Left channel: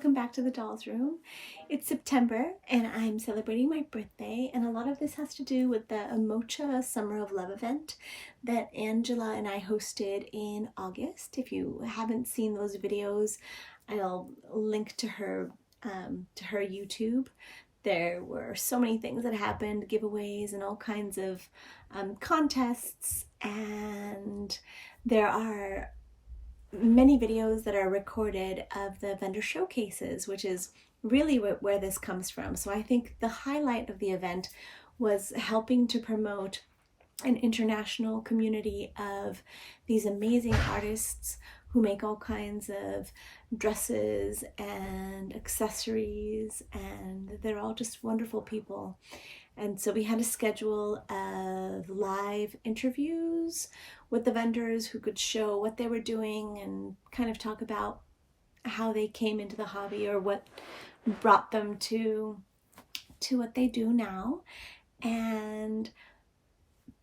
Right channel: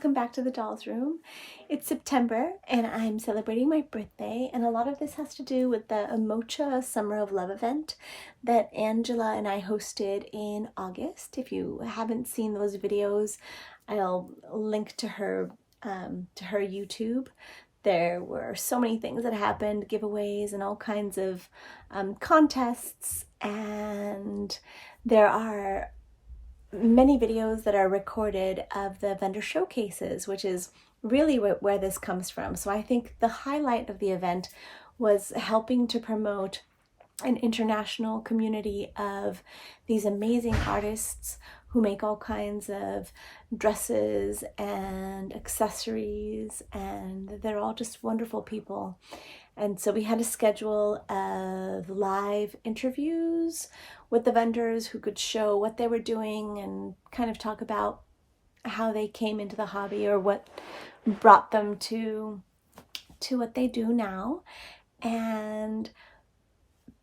welcome back to the Dolls Room. It's September and I'm celebrating my birthday, and a lot of this has to do with the Omocha Summer of Love event that Angela and I hosted in August. If you haven't seen those videos, I'll link to her YouTube. There were so many things that happened, giveaways and all kinds of contests, and there are many videos that are recorded of the vendor showcases, which is really where this comes from. So I think the highlight of the event was helping to promote an international community of these amazing artists who make all kinds of dresses and accessories, and they're all just wonderful people. And so we had a schedule of live interviews with the vendors who could show what they were doing and kind of talk about how they came into the hobby or what brought them to what they do now. And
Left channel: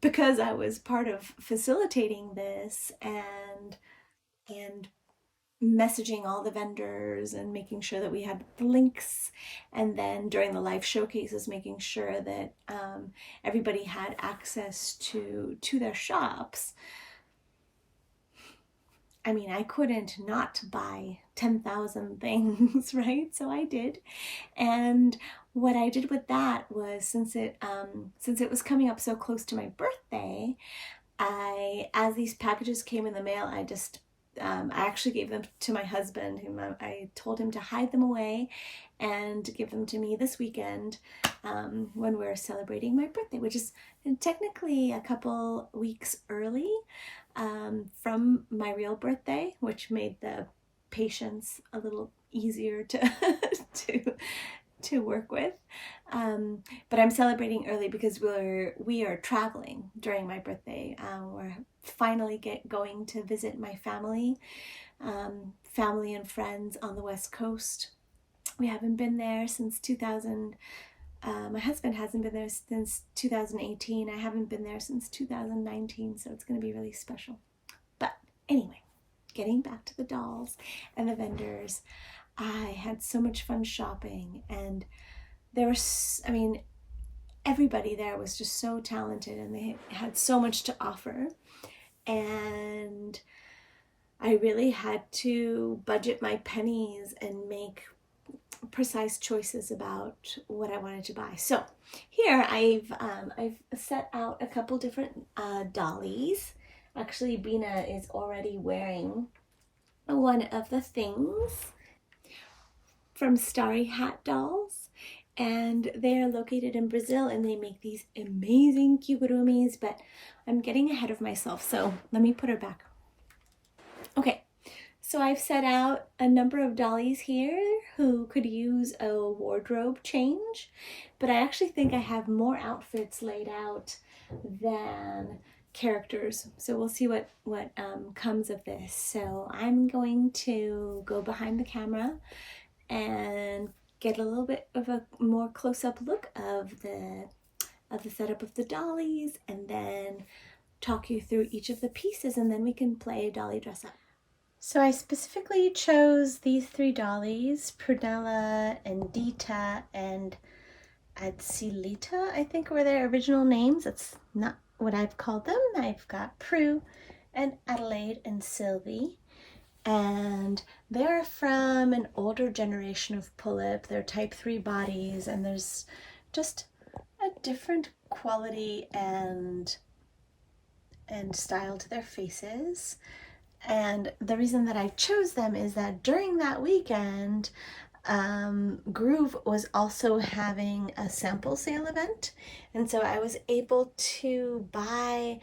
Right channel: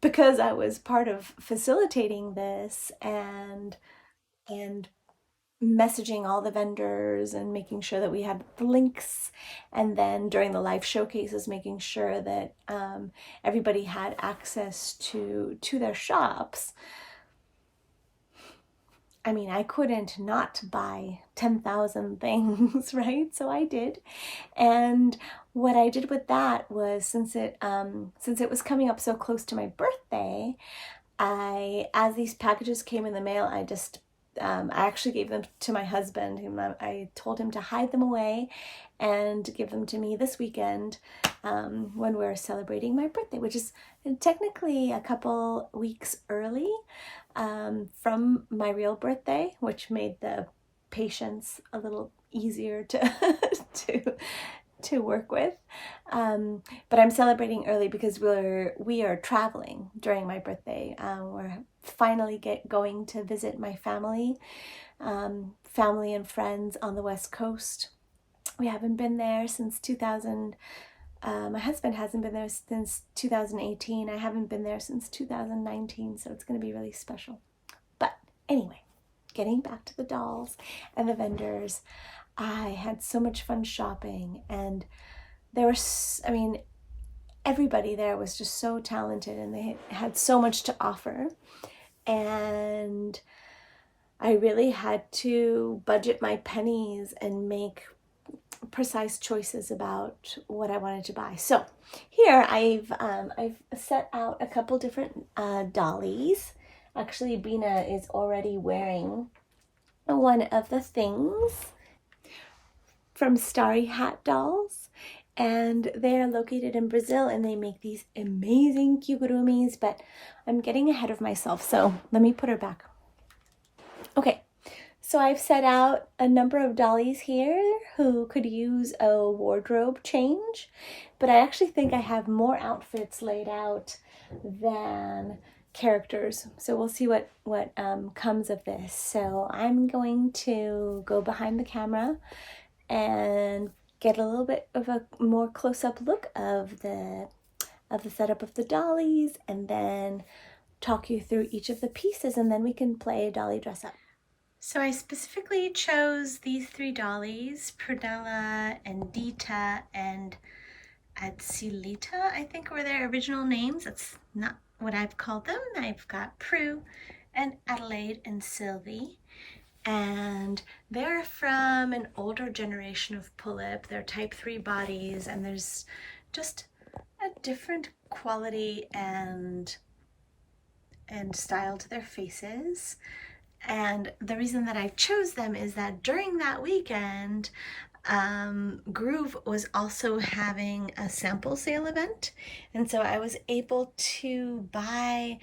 because I was part of facilitating this and messaging all the vendors and making sure that we had the links, and then during the live showcases making sure that everybody had access to their shops. I mean, I couldn't not buy 10,000 things, right? So I did. And what I did with that was, since it was coming up so close to my birthday, as these packages came in the mail, I actually gave them to my husband. I told him to hide them away and give them to me this weekend when we're celebrating my birthday, which is technically a couple weeks early from my real birthday, which made the patience a little easier to work with. But I'm celebrating early because we are traveling during my birthday. We're finally going to visit my family and friends on the West Coast. We haven't been there since 2000. My husband hasn't been there since 2018. I haven't been there since 2019, so it's going to be really special. But anyway, getting back to the dolls and the vendors, I had so much fun shopping, and everybody there was just so talented and they had so much to offer. And I really had to budget my pennies and make precise choices about what I wanted to buy. So here I've set out a couple different dollies. Actually, Bina is already wearing one of the things from Starry Hat Dolls, and they're located in Brazil, and they make these amazing kigurumis, but I'm getting ahead of myself, so let me put her back. Okay, so I've set out a number of dollies here who could use a wardrobe change, but I actually think I have more outfits laid out than characters, so we'll see what comes of this. So I'm going to go behind the camera and get a little bit of a more close-up look of the setup of the dollies, and then talk you through each of the pieces, and then we can play a dolly dress up. So I specifically chose these three dollies, Prunella and Dita and Adsilita, I think were their original names. That's not what I've called them. I've got Prue and Adelaide and Sylvie. And they're from an older generation of pull-up. They're type 3 bodies, and there's just a different quality and style to their faces. And the reason that I chose them is that during that weekend, Groove was also having a sample sale event, and so I was able to buy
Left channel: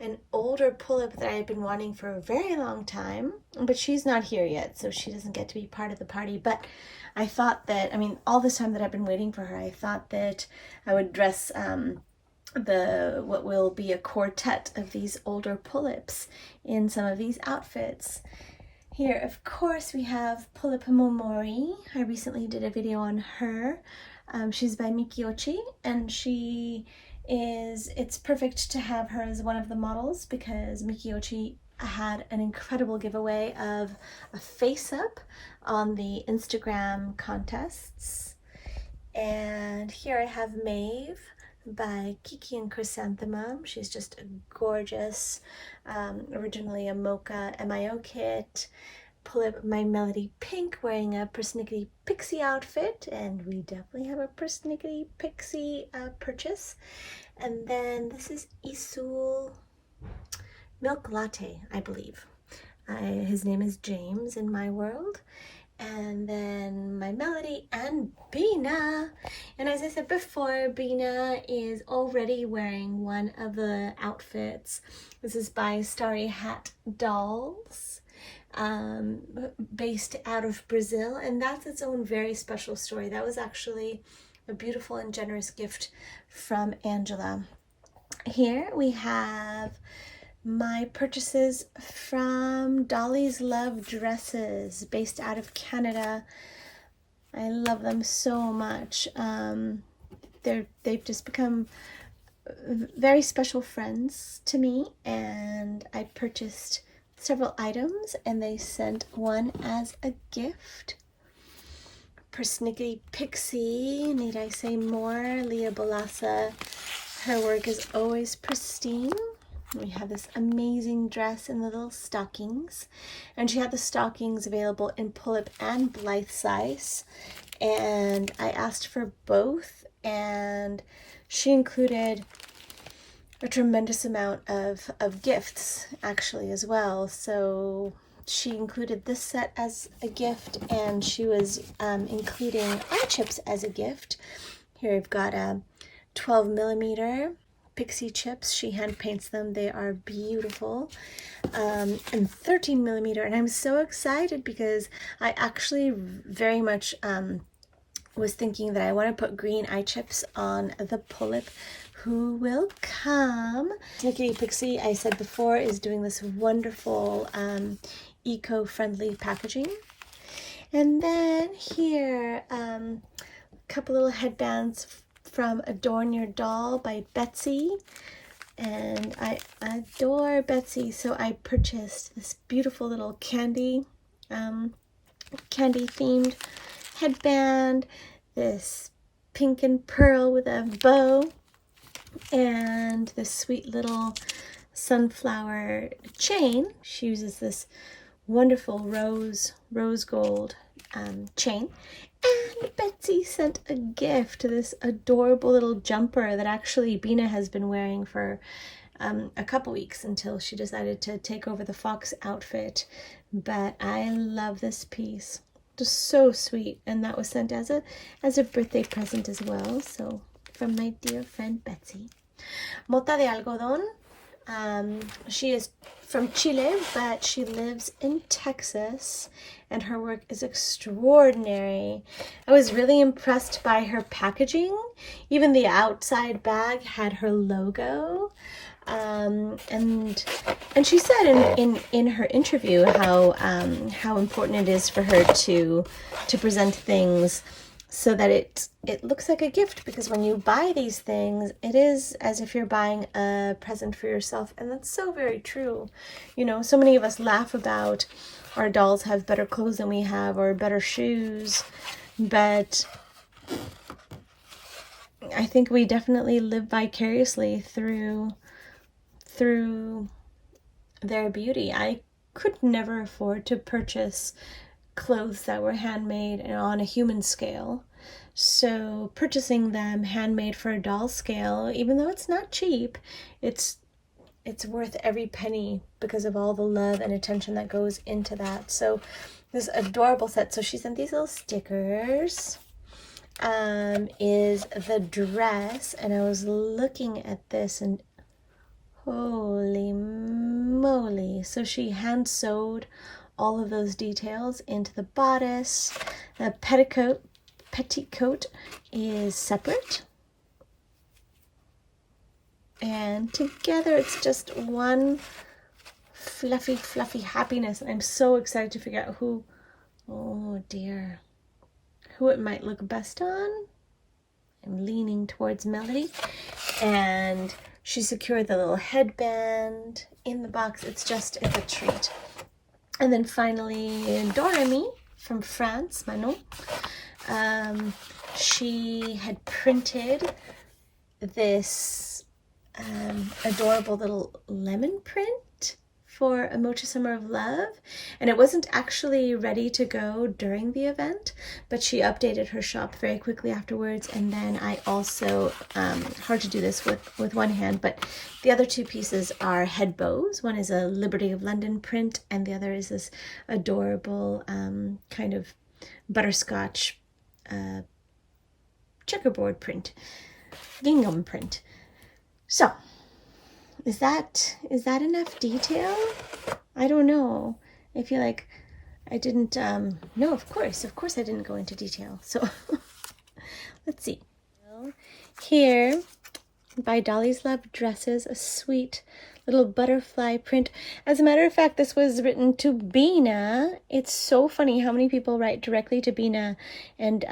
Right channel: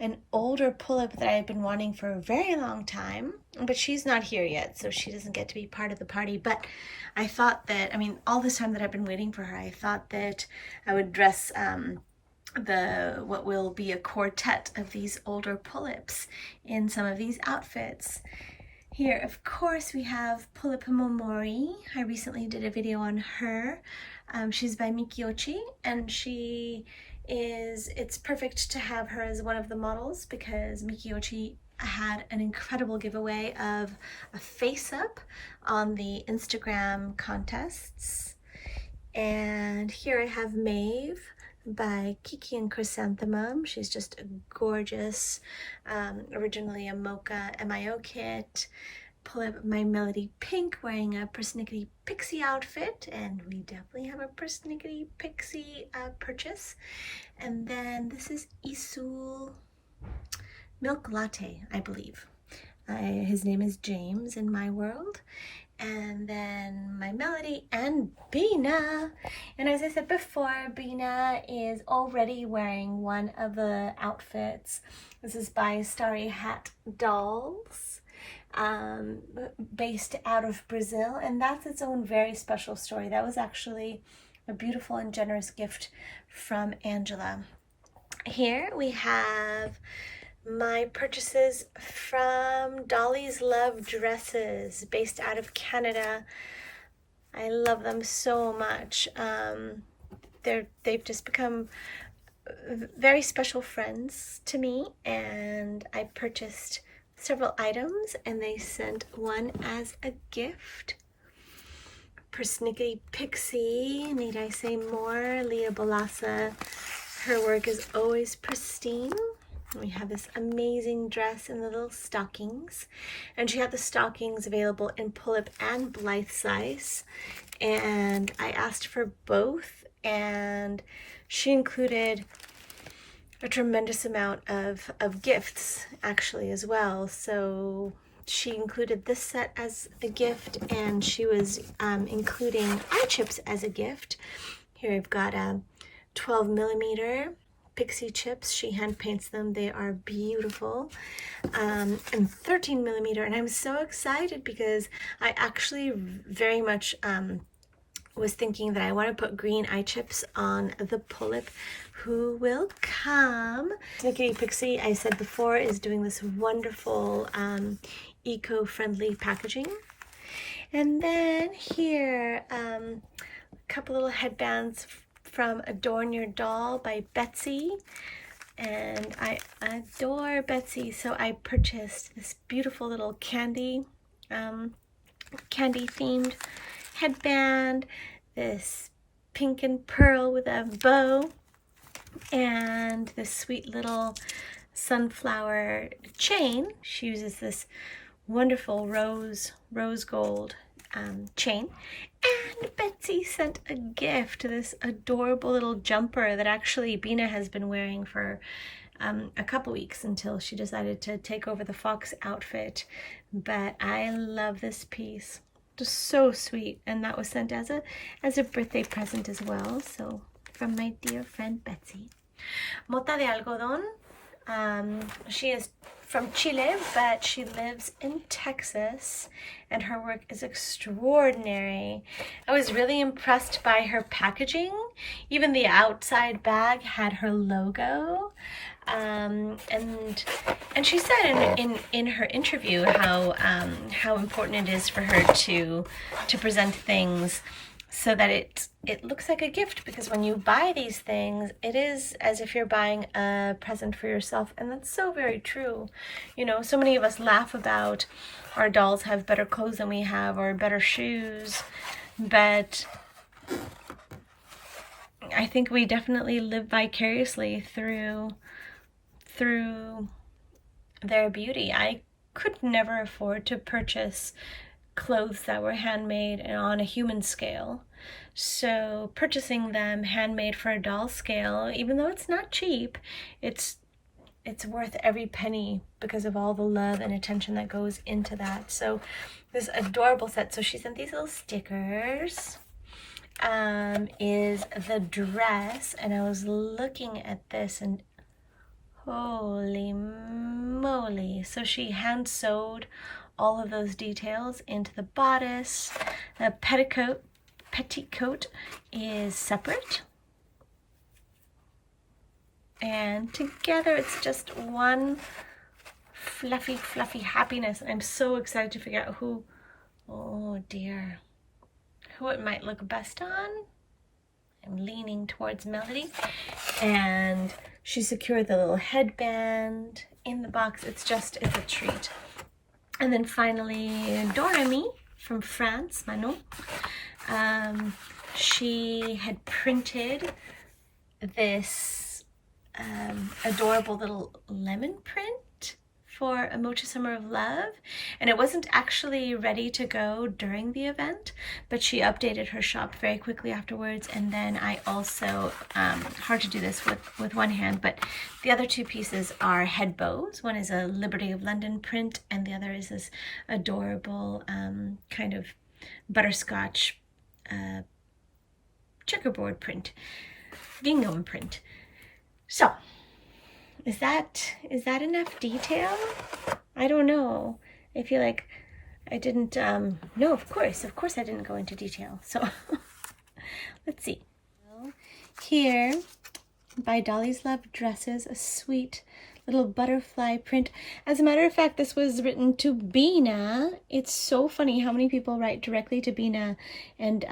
an older pull-up that I had been wanting for a very long time, but she's not here yet, so she doesn't get to be part of the party. But I thought that, all this time that I've been waiting for her, I thought that I would dress what will be a quartet of these older pull-ups in some of these outfits. Here, of course, we have Pull-up Momori. I recently did a video on her. She's by Mikiyochii, and it's perfect to have her as one of the models because Mikiyochii had an incredible giveaway of a face-up on the Instagram contests. And here I have Maeve by Kiki and Chrysanthemum. She's just a gorgeous, originally a Mocha MIO kit. Pull up my Melody Pink wearing a Persnicketie Pixie outfit, and we definitely have a Persnicketie Pixie purchase. And then this is Isul Milk Latte, I believe. His name is James in my world. And then my Melody and Bina. And as I said before, Bina is already wearing one of the outfits. This is by Starry Hat Dolls, based out of Brazil. And that's its own very special story. That was actually a beautiful and generous gift from Angela. Here we have my purchases from Dolly's Love Dresses, based out of Canada. I love them so much. They've just become very special friends to me, and I purchased several items, and they sent one as a gift. Persnicketie Pixie, need I say more? Leah Balassa, her work is always pristine. We have this amazing dress in the little stockings, and she had the stockings available in pull-up and Blythe size, and I asked for both, and she included a tremendous amount of gifts actually as well. So she included this set as a gift, and she was including eye chips as a gift. Here I've got a 12mm Pixie chips. She hand paints them. They are beautiful. And 13mm, and I'm so excited because I actually very much was thinking that I want to put green eye chips on the pull-up. Who will come? Persnicketie Pixie, I said before, is doing this wonderful eco-friendly packaging. And then here, a couple little headbands from Adorn Your Doll by Betsy, and I adore Betsy, so I purchased this beautiful little candy themed headband, this pink and pearl with a bow, and this sweet little sunflower chain. She uses this wonderful rose gold chain. And Betsy sent a gift, this adorable little jumper that actually Bina has been wearing for a couple weeks until she decided to take over the fox outfit. But I love this piece. Just so sweet, and that was sent as a birthday present as well. So from my dear friend Betsy. Mota de Algodon. She is from Chile, but she lives in Texas, and her work is extraordinary. I was really impressed by her packaging. Even the outside bag had her logo. And she said in her interview how important it is for her to present things so that it looks like a gift, because when you buy these things, it is as if you're buying a present for yourself. And that's so very true. You know, so many of us laugh about our dolls have better clothes than we have, or better shoes, but I think we definitely live vicariously through their beauty. I could never afford to purchase clothes that were handmade and on a human scale. So purchasing them handmade for a doll scale, even though it's not cheap, it's worth every penny because of all the love and attention that goes into that. So this adorable set. So she sent these little stickers. Is the dress, and I was looking at this and holy moly. So she hand sewed all of those details into the bodice. The petticoat is separate, and together it's just one fluffy happiness. I'm so excited to figure out who, oh dear, who it might look best on. I'm leaning towards Melody, and she secured the little headband in the box. It's a treat. And then finally, Doremy from France, Manon. She had printed this adorable little lemon print for Omocha Summer of Love, and it wasn't actually ready to go during the event, but she updated her shop very quickly afterwards. And then I also, hard to do this with one hand, but the other two pieces are head bows. One is a Liberty of London print, and the other is this adorable kind of butterscotch checkerboard print, gingham print. So is that enough detail? I don't know. I feel like I didn't, no, of course I didn't go into detail. So let's see. Here, by Dolly's Love Dresses, a sweet little butterfly print. As a matter of fact, this was written to Bina. It's so funny how many people write directly to Bina, and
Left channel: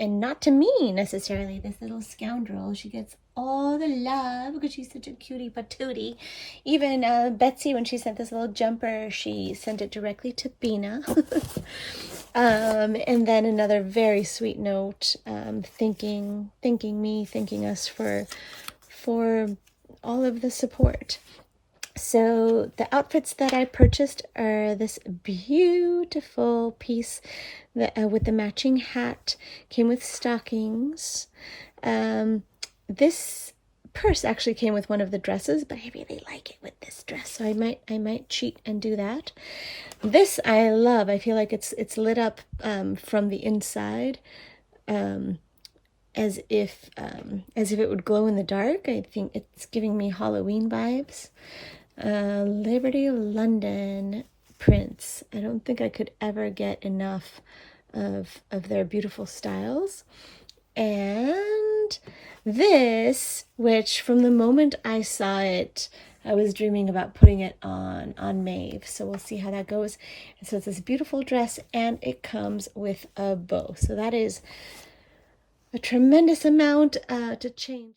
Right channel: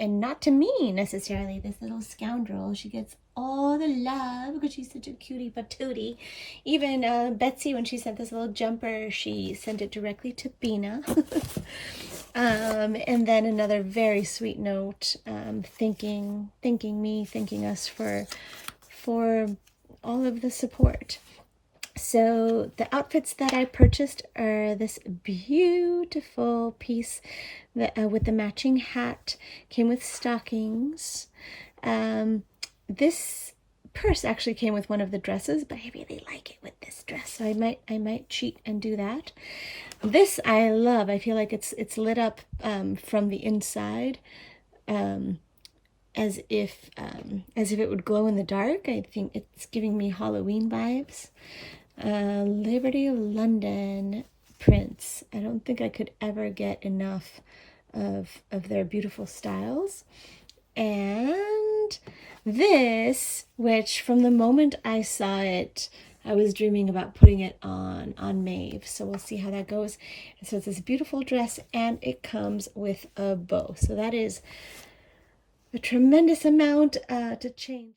not to me necessarily. This little scoundrel, she gets all the love because she's such a cutie patootie. Even Betsy, when she sent this little jumper, she sent it directly to Bina. And then another very sweet note, thanking us for all of the support. So the outfits that I purchased are this beautiful piece that, with the matching hat, came with stockings. This purse actually came with one of the dresses, but I really like it with this dress, so I might cheat and do that. This I love. I feel like it's lit up from the inside, as if it would glow in the dark. I think it's giving me Halloween vibes. Liberty of London prints. I don't think I could ever get enough of their beautiful styles. And this, which from the moment I saw it, I was dreaming about putting it on Maeve. So we'll see how that goes. And so it's this beautiful dress, and it comes with a bow. So that is a tremendous amount to change.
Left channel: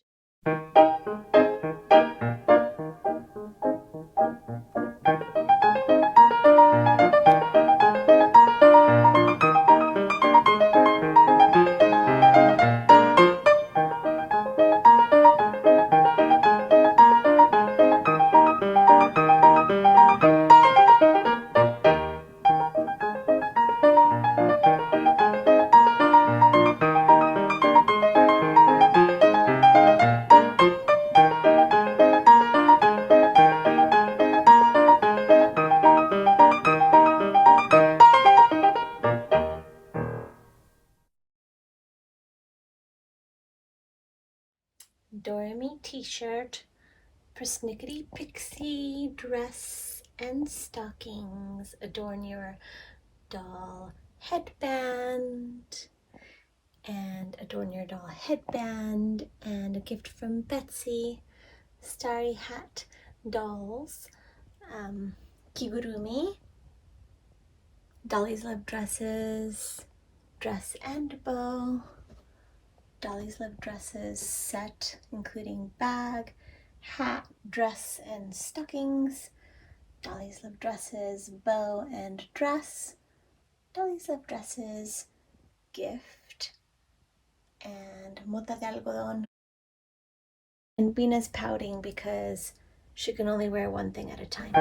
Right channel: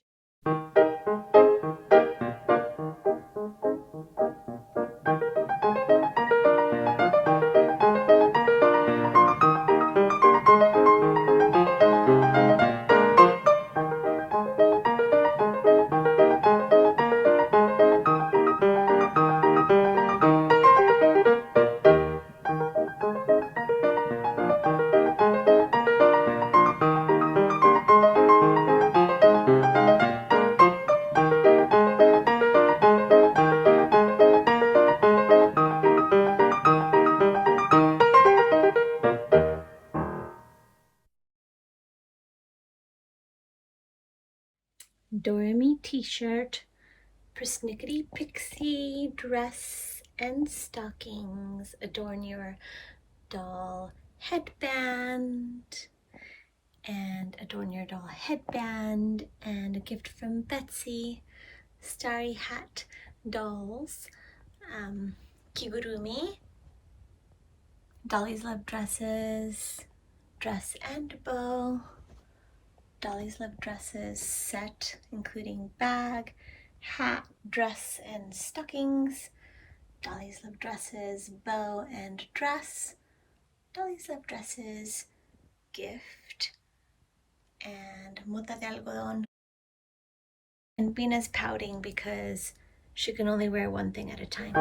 Doremy t-shirt, Persnicketie Pixie dress and stockings, Adorn Your Doll headband, and Adorn Your Doll headband, and a gift from Betsy, Starry Hat Dolls, Kigurumi, Dolly's Love Dresses, dress and bow, Dolly's Love Dresses set, including bag, hat, dress, and stockings, Dolly's Love Dresses bow and dress, Dolly's Love Dresses gift, and Mota de Algodon. And Bina's pouting because she can only wear one thing at a time.